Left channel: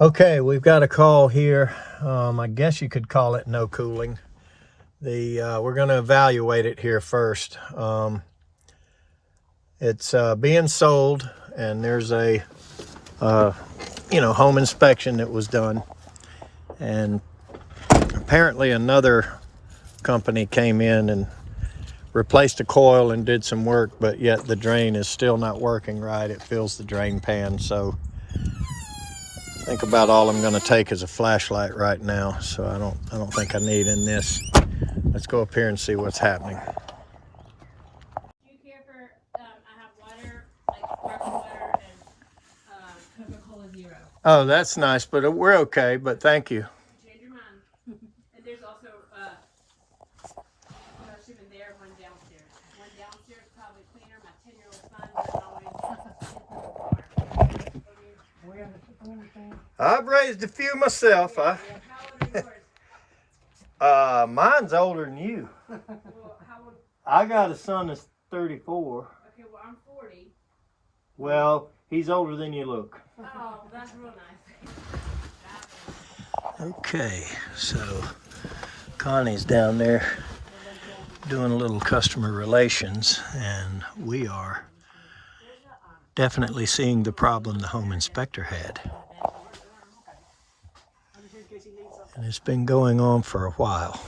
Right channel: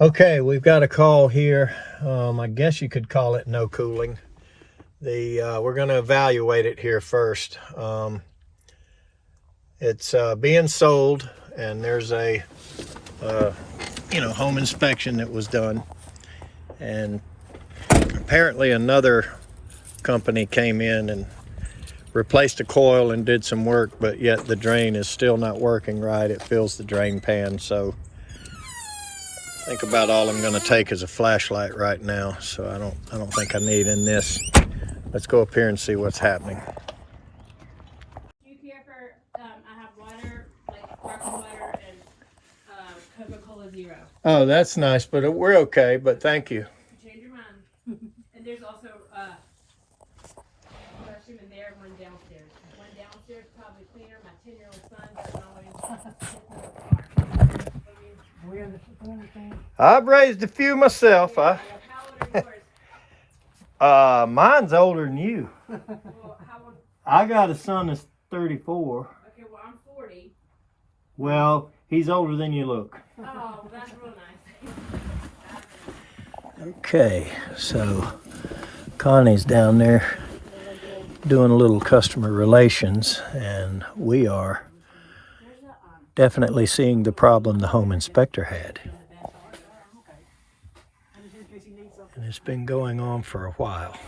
Okay, we've got a call here. I guess you could call it no cooling. We're going to evaluate it here first. It's being sold, and there's a home inspection that was done, and apparently another company came in and replaced the coil and did some work, but yet the drain is still not working right. It fills the drain pan, so I think about all I'm going to take is a flashlight right now, so I don't think I need in this. Let's go up here and see what's happening. Do you care for, I have water, like pure water and Coca-Cola Zero. Oh, that's nice, but we're okay, but thank you. Change your mind. And there's also, brushing in there, one downstairs. One downstairs probably cleaner. My 10-year-old son doesn't always. I've raised a few myself. How old are yours? Mine's older than you. Well, how old? I got a son that's 34. Okay, well, I'm 40. Well, he's older than you look. Oh, well, that's real nice. Okay, so Connie's down there doing a little customer relations, and we are definitely seeing the problem the home inspector had. And it's been going on for a while.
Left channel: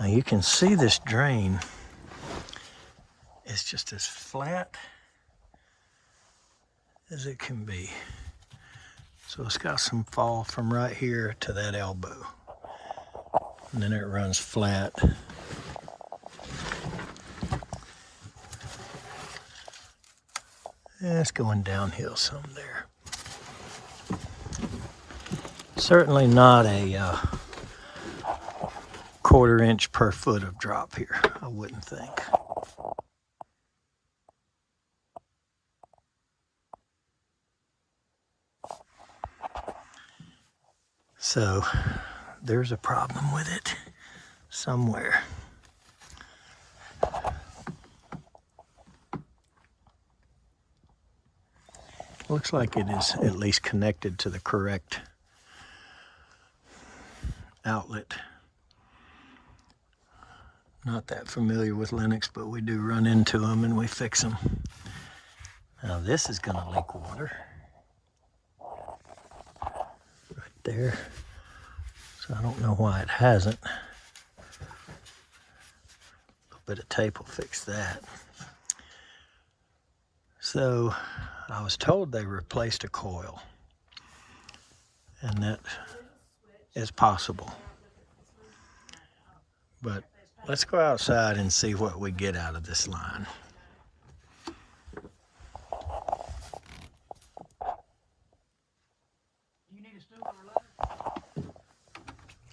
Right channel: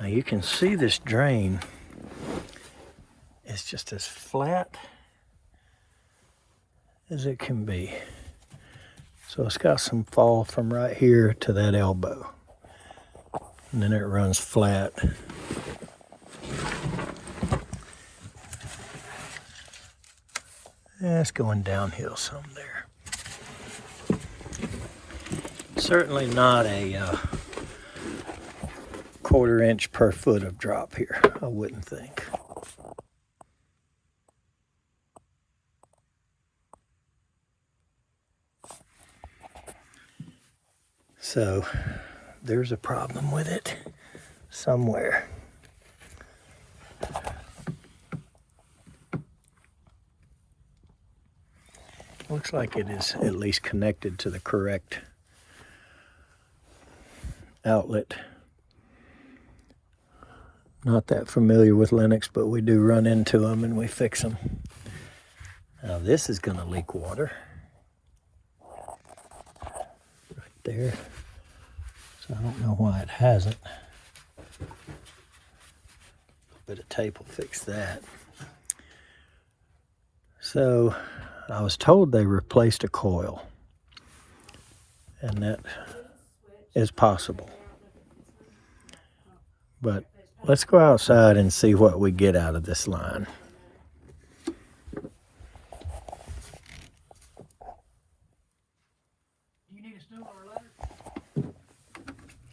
Now you can see this drain is just as flat as it can be. So it's got some fall from right here to that elbow. And then it runs flat. And it's going downhill some there. Certainly not a quarter-inch per foot of drop here, I wouldn't think. So there's a problem with it somewhere. Looks like it is at least connected to the correct outlet. Not that familiar with Lennox, but we do run into them and we fix them. Now this is going to leak water right there. So I don't know why it hasn't. A little bit of tape will fix that. So I was told they replaced a coil, and that is possible. But let's go outside and see what we get out of this line.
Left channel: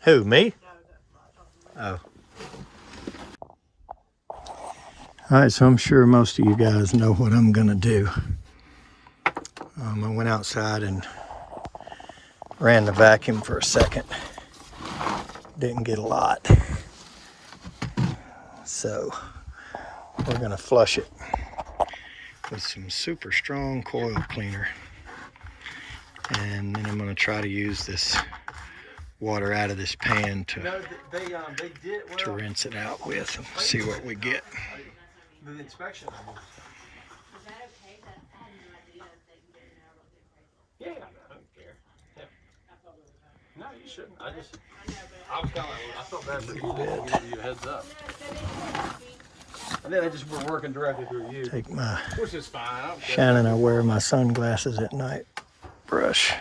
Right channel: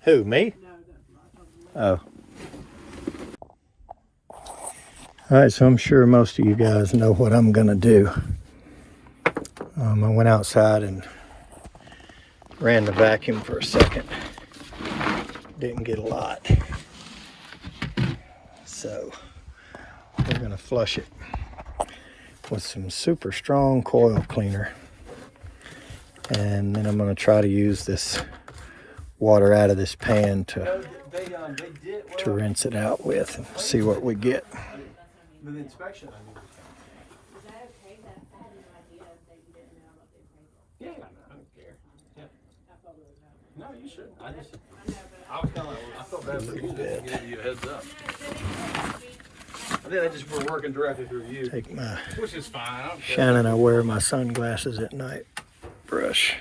Who, me? Oh. All right, so I'm sure most of you guys know what I'm gonna do. I went outside and ran the vacuum for a second. Didn't get a lot. So we're gonna flush it with some super strong coil cleaner. And then I'm gonna try to use this water out of this pan to rinse it out with and see what we get. The inspection. Yeah, I don't care. Yeah. No, you shouldn't. I was kind of, I felt bad for you to give you a heads up. I think they just were working directly through you. Take my, Which is fine. I don't care. Shannon, I wear my sunglasses at night, brush.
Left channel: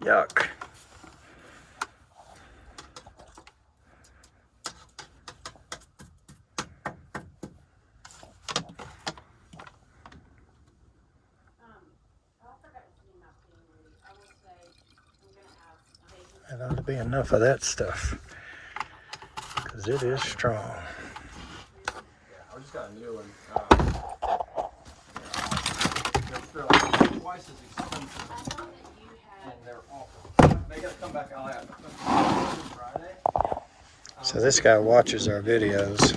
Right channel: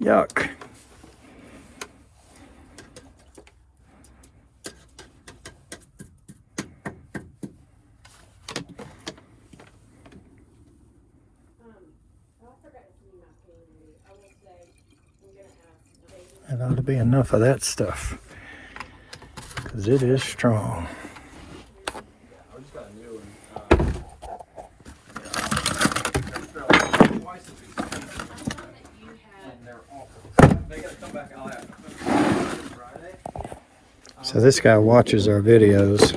Yuck. That ought to be enough of that stuff, because it is strong. I just got a new one. Twice as expensive. And they're awful. They got to come So this guy watches our videos.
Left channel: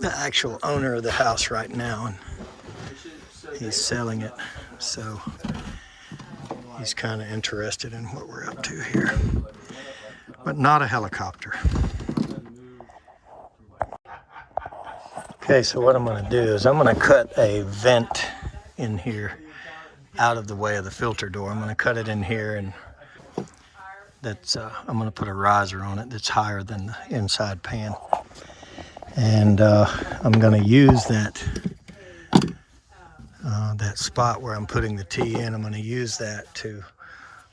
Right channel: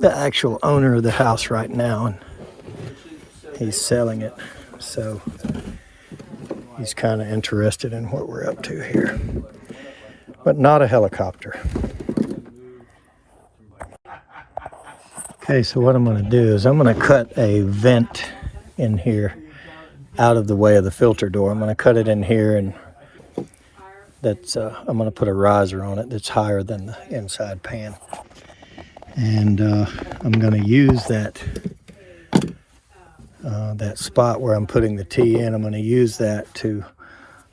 The actual owner of the house right now, and he's selling it. So he's kind of interested in what we're up to here. But not a helicopter. Okay, so what I'm going to do is I'm going to cut a vent in here out of the way of the filter door. I'm going to cut it in here, and that's I'm going to put a riser on it that's higher than the inside pan. And I'm going to use that that spot where I'm putting the T in. I'm going to use that to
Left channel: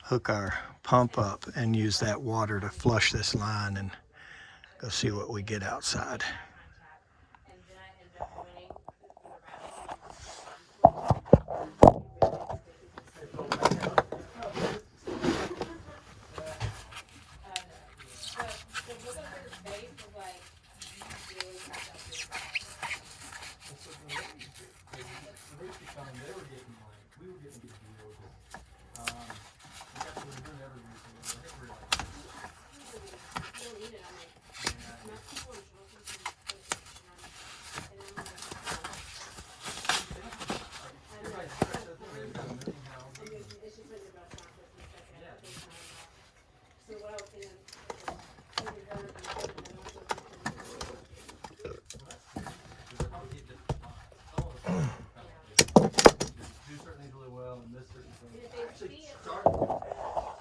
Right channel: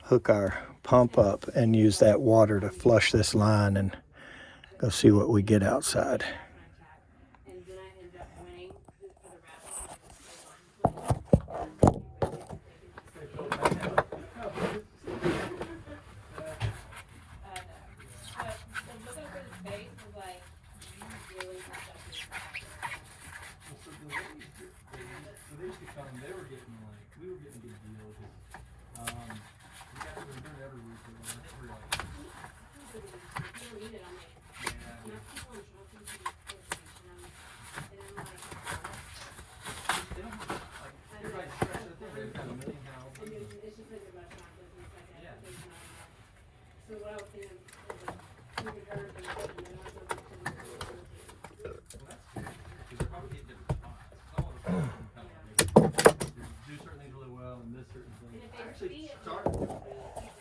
hook our pump up and use that water to flush this line and go see what we get outside.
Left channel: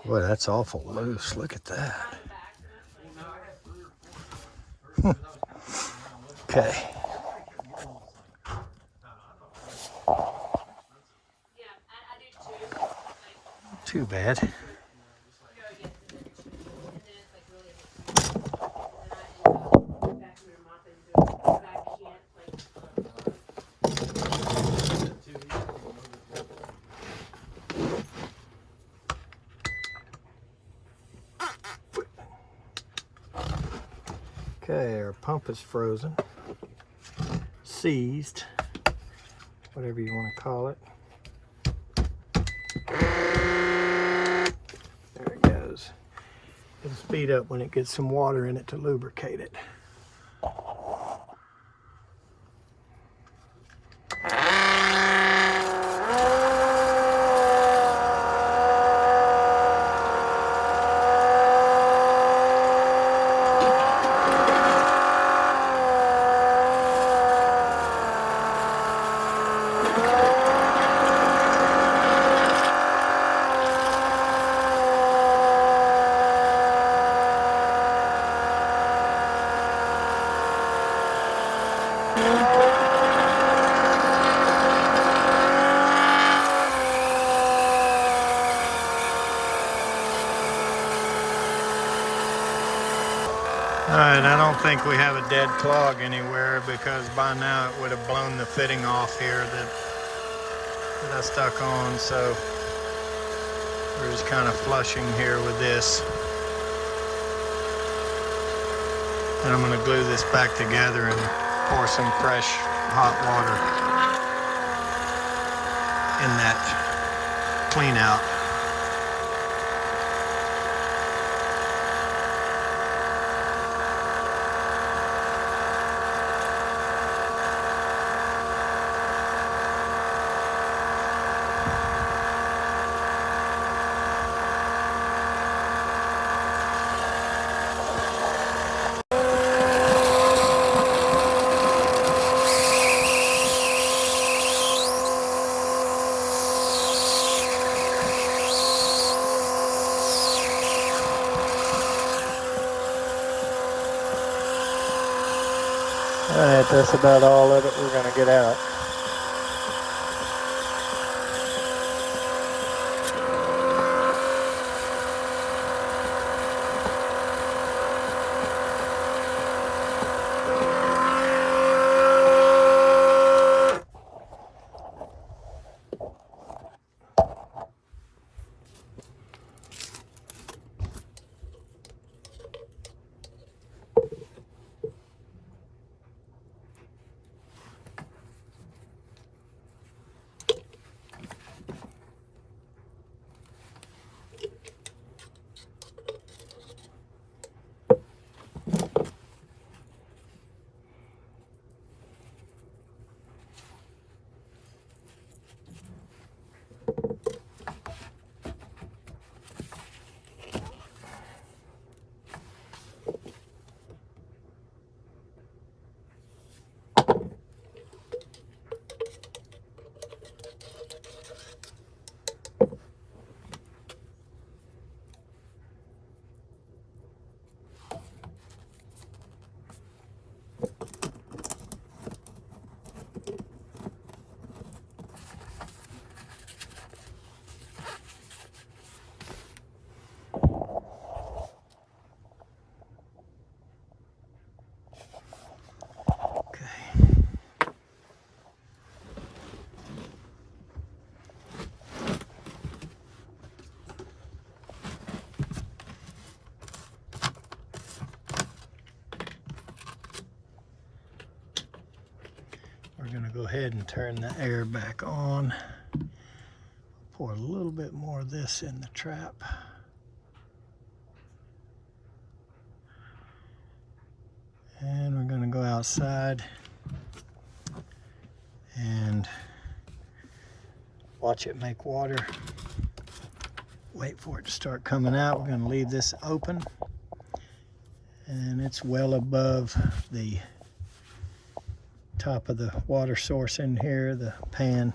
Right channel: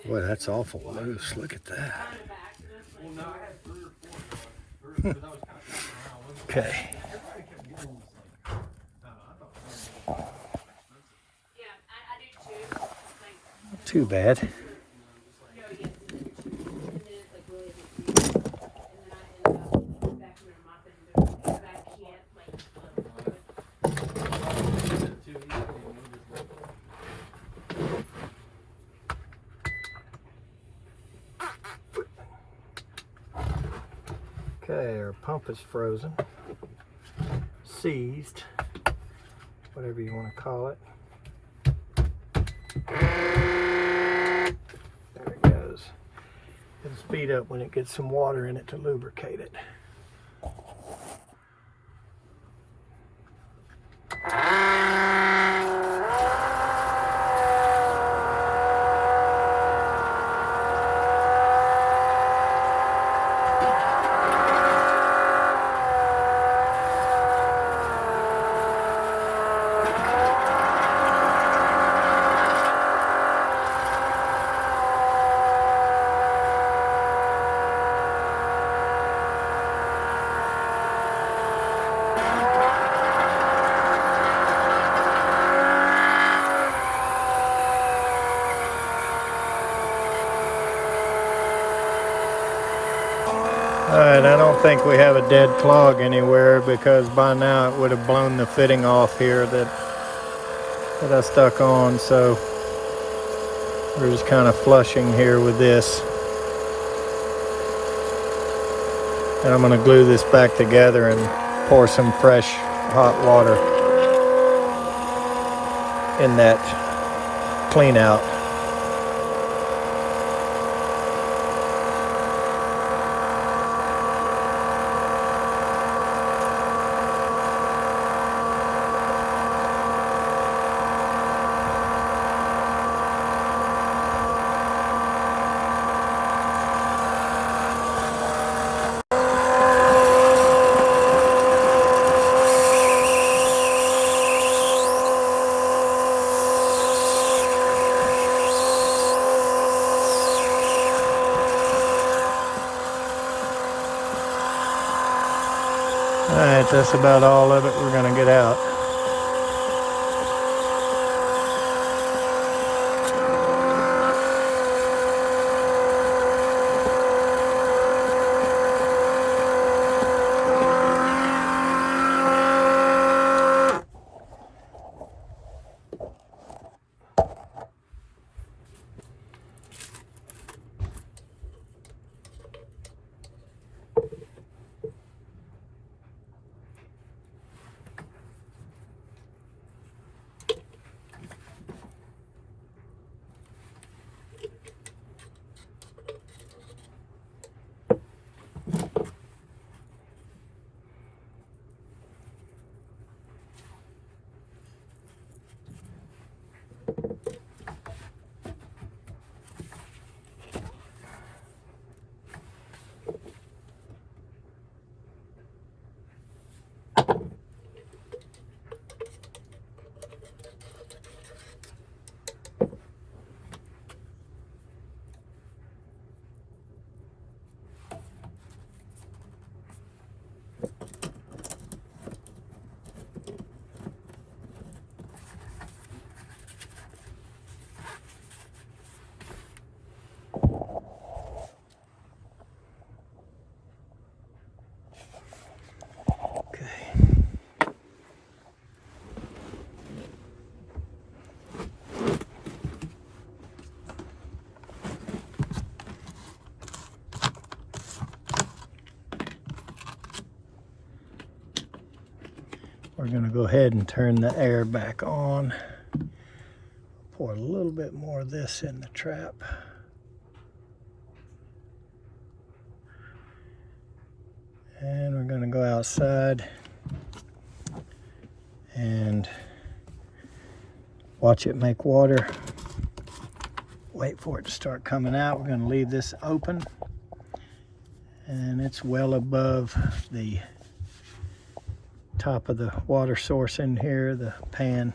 Boy, that's awful loose. Look at that. Okay. Too bad. Okay, our pump is frozen, seized, whatever you want to call it. There it goes. It'll speed up when it gets some water in it to lubricate it. Alright, I don't think we have a dead clog anywhere, because by now it would have blown the fitting off here that I stuck on, so we're just kind of flushing here with this. And I'm going to glue this back together and pour some fresh hot water in that clean out. we're gonna go ahead and turn the air back on. Pour a little bit more of this in the trap. And we're gonna go outside and watch it make water. Wait for it to start coming out. We're gonna leave this open. And it's well above the top of the water source in here, the pan.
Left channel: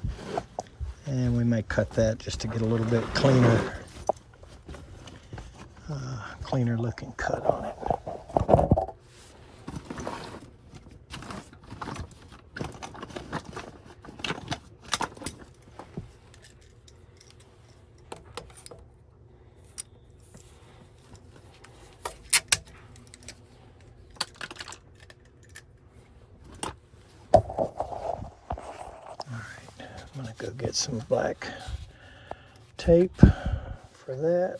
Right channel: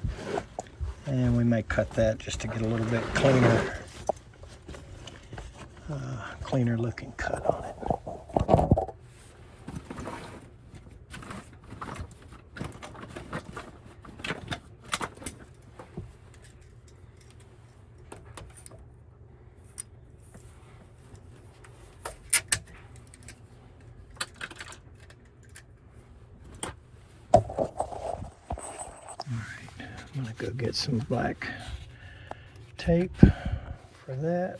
And we may cut that just to get a little bit cleaner, cleaner looking cut on it. I'm gonna go get some black tape for that.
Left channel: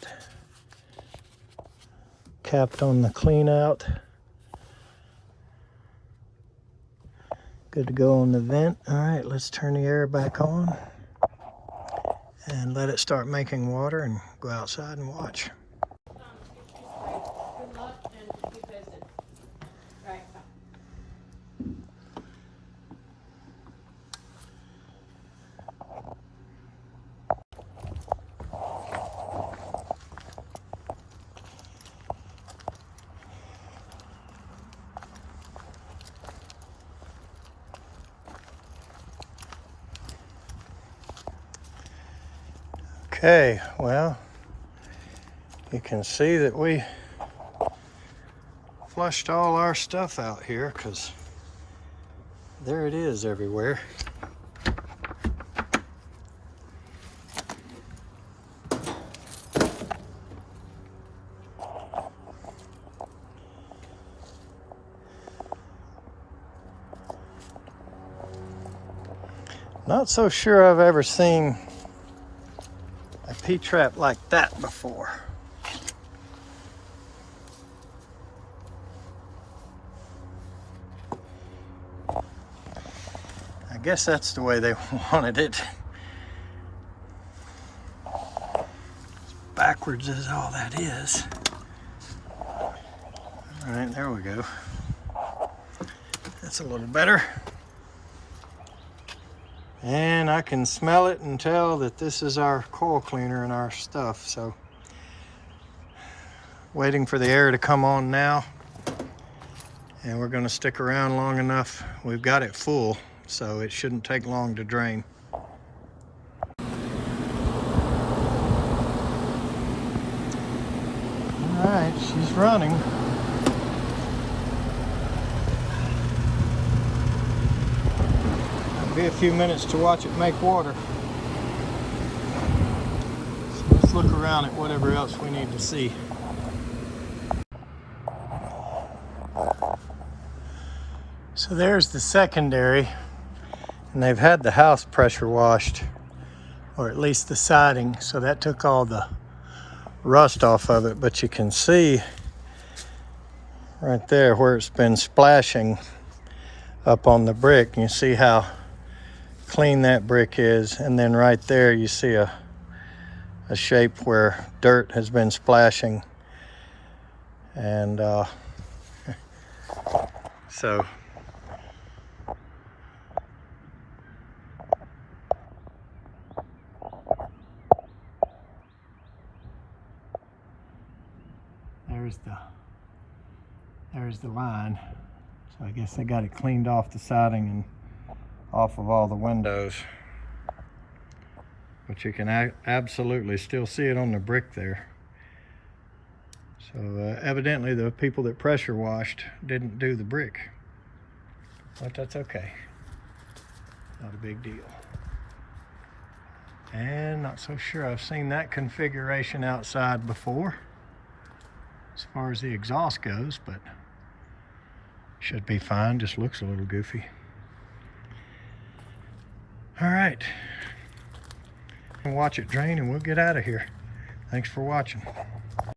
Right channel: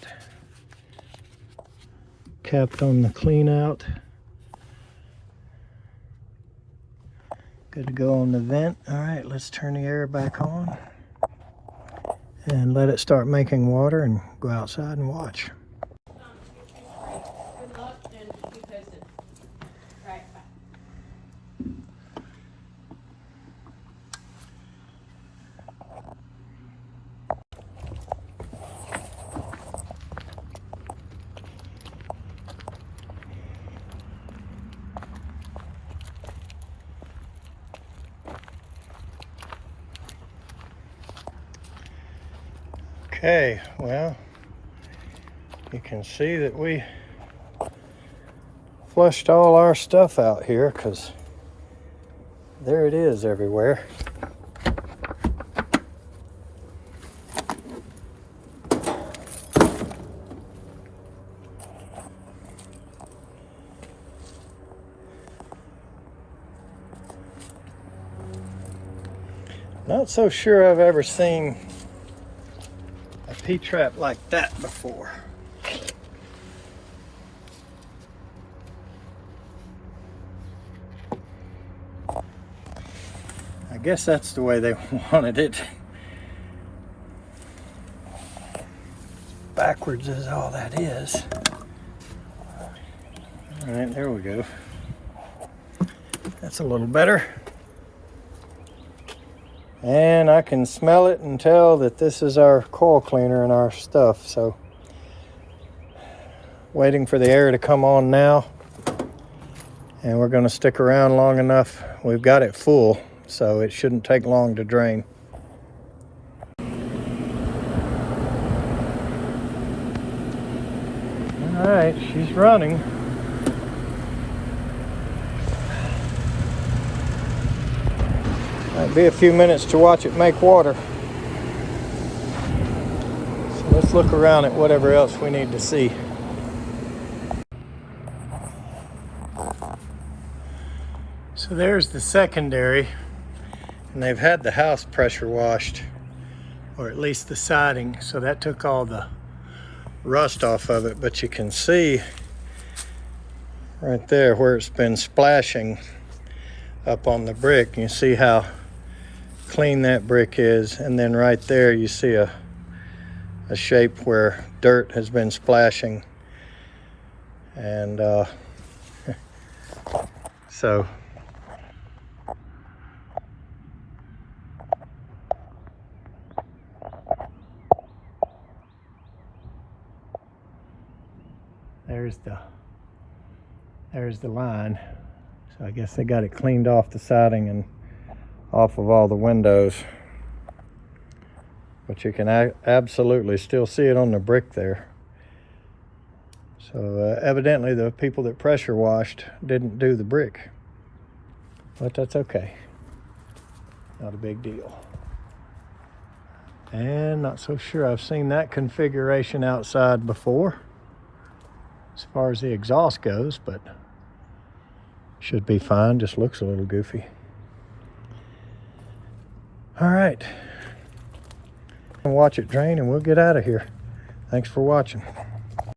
Capped on the clean out. Good to go on the vent. All right, let's turn the air back on and let it start making water and go outside and watch. Good luck and keep posted. Right. Okay, well, you can see that we flushed all our stuff out here because there it is everywhere. Not so sure I've ever seen a P-trap like that before. I guess that's the way they wanted it. Backwards is all that is. All right, there we go. That's a little better. And I can smell it and tell that this is our coil cleaner and our stuff. So waiting for the air to come on now. And we're going to stick around long enough. We've got it full, so it shouldn't take long to drain. All right, she's running. Might be a few minutes to watch it make water. So let's look around at whatever else we need to see. So there's the secondary, and they've had the house pressure washed, or at least the siding, so that took all the rust off of it. But you can see right there where it's been splashing up on the brick. You see how clean that brick is, and then right there you see a shape where dirt has been splashing. And so there's the line. So I guess they got it cleaned off the siding and off of all the windows. But you can absolutely still see it on the brick there. So evidently the people that pressure washed didn't do the brick. But that's okay. Not a big deal. And not so sure I've seen that configuration outside before, as far as the exhaust goes, but should be fine. Just looks a little goofy. All right, and watch it drain and we'll get out of here. Thanks for watching.